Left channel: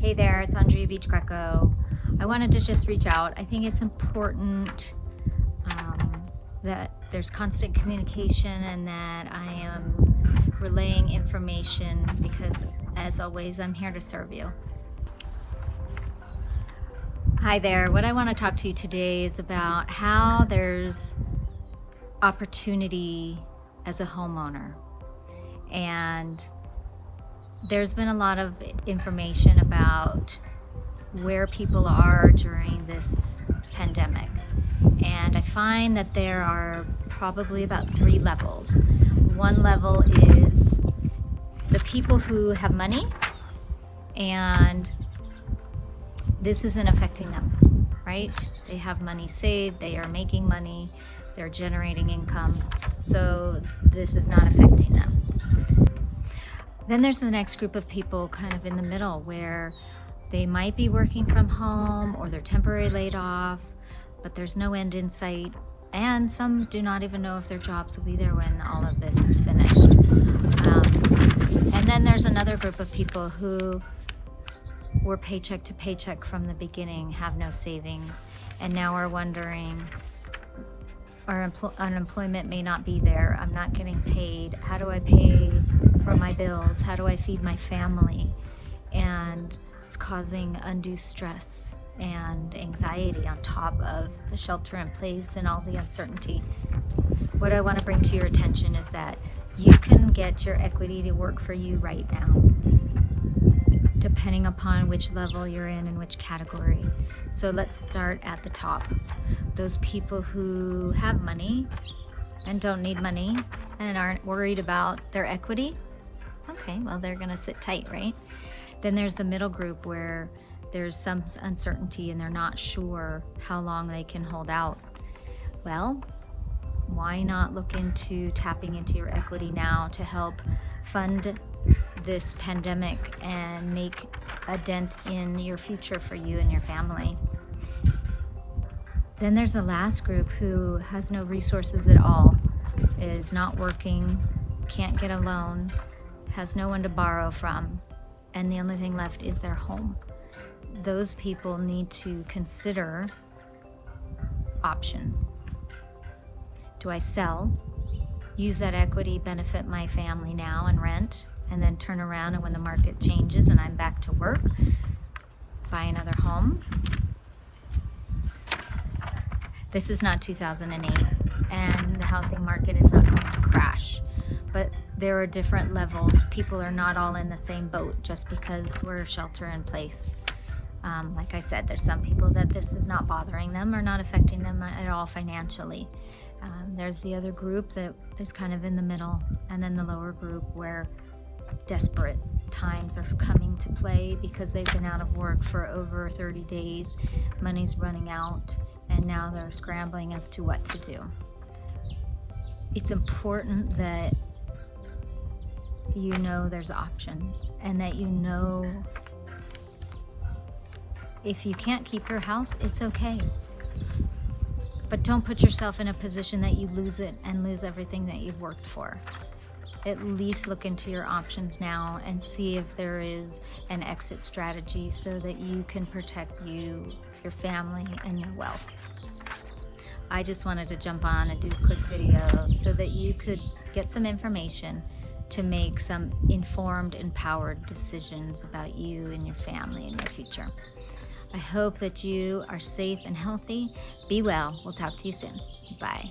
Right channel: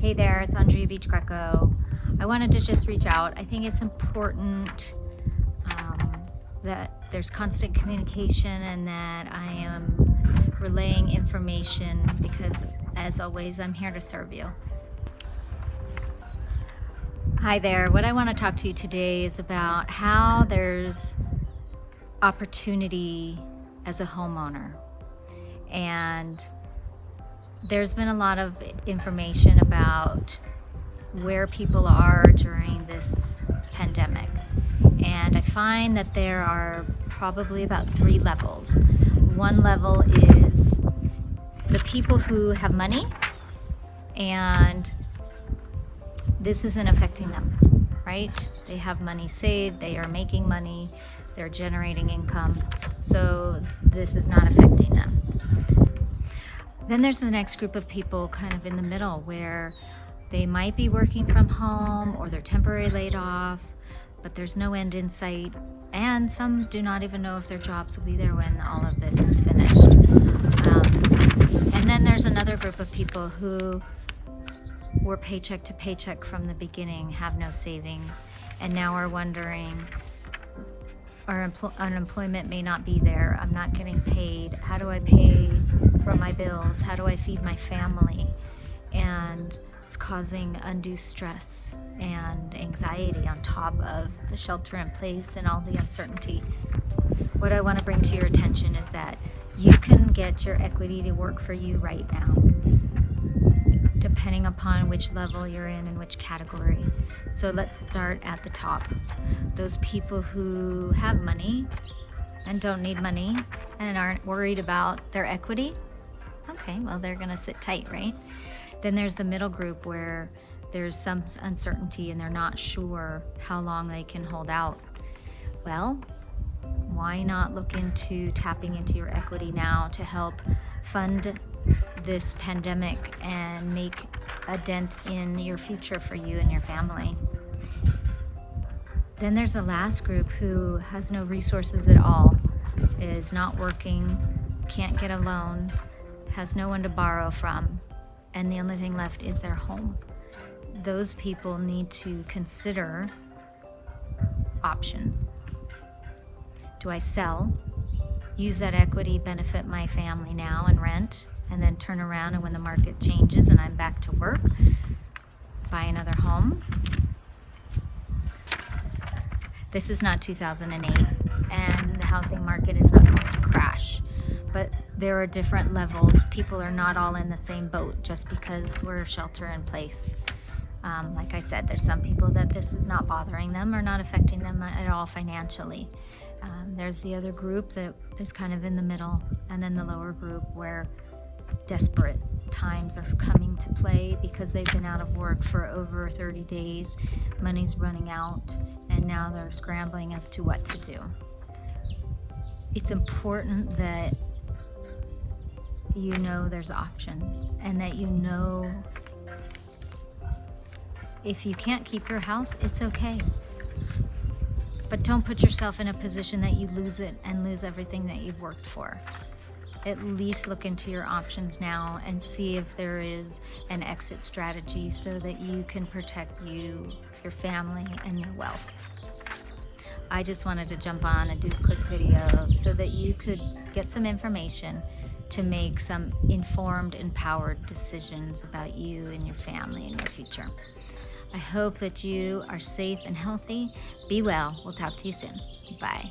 Hey there, it's Aundrea Beach-Greco. I wanted to just reach out. I think it's important that there's constant communication and that I am relaying information because, as always, I'm here to serve you. Hi there. What I want to talk to you today is about how there's opportunity as a homeowner. And there's been a lot of information about where people are during this pandemic. And I find that there are probably about 3 levels. One level is the people who have money, and this isn't affecting them, right? They have money saved, they are making money, they're generating income, so this is not affecting them. Then there's the next group of people kind of in the middle where they might be working from home or they're temporarily laid off, but there's no end in sight, and some do not even know if their jobs will be there when all of this is finished. And then there's another group of people who were paycheck to paycheck from the beginning, have no savings, and now are wondering, our unemployment may not be there, I'm not getting paid, how do I pay for my bills, how do I feed my family? And it's causing undue stress and anxiety on top of the shelter in place and all the uncertainty. What I want to bring to your attention is that you can get your equity to work for you right now, depending upon which level you're in and which category. So let's start at the top. Those people who have money and don't need money and aren't worried about their equity, okay, well, they're gonna sit tight, right? Then there's the middle group where there's some uncertainty and they're not sure how long they can hold out. Well, why not look into tapping into your equity now to help fund this pandemic and make a dent in your future for you and your family? Then there's the last group who has no resources at all, is not working, can't get a loan, has no one to borrow from, and the only thing left is their home. Those people need to consider options. Do I sell, use that equity, benefit my family now and rent, and then turn around and when the market changes and I'm back to work, buy another home? This is not 2008, and the housing market is not going to crash. But there are different levels. People are not all in the same boat just because we're shelter in place. Like I said, there's some people that this is not bothering them or not affecting them at all financially. There's the other group that is kind of in the middle, and then the lower group where desperate times are coming to play because they've been out of work for over 30 days, money's running out, and now they're scrambling as to what to do. It's important that you know there's options, and that you know if you can't keep your house, it's okay. But don't put yourself in a position that you lose it and lose everything that you've worked for. At least look into your options now and see if there is an exit strategy so that you can protect you, your family, and your wealth. I just wanted to jump on and do a quick video so that you could get some information to make some informed, empowered decisions about you and your family and your future. I hope that you are safe and healthy. Be well. We'll talk to you soon. Bye.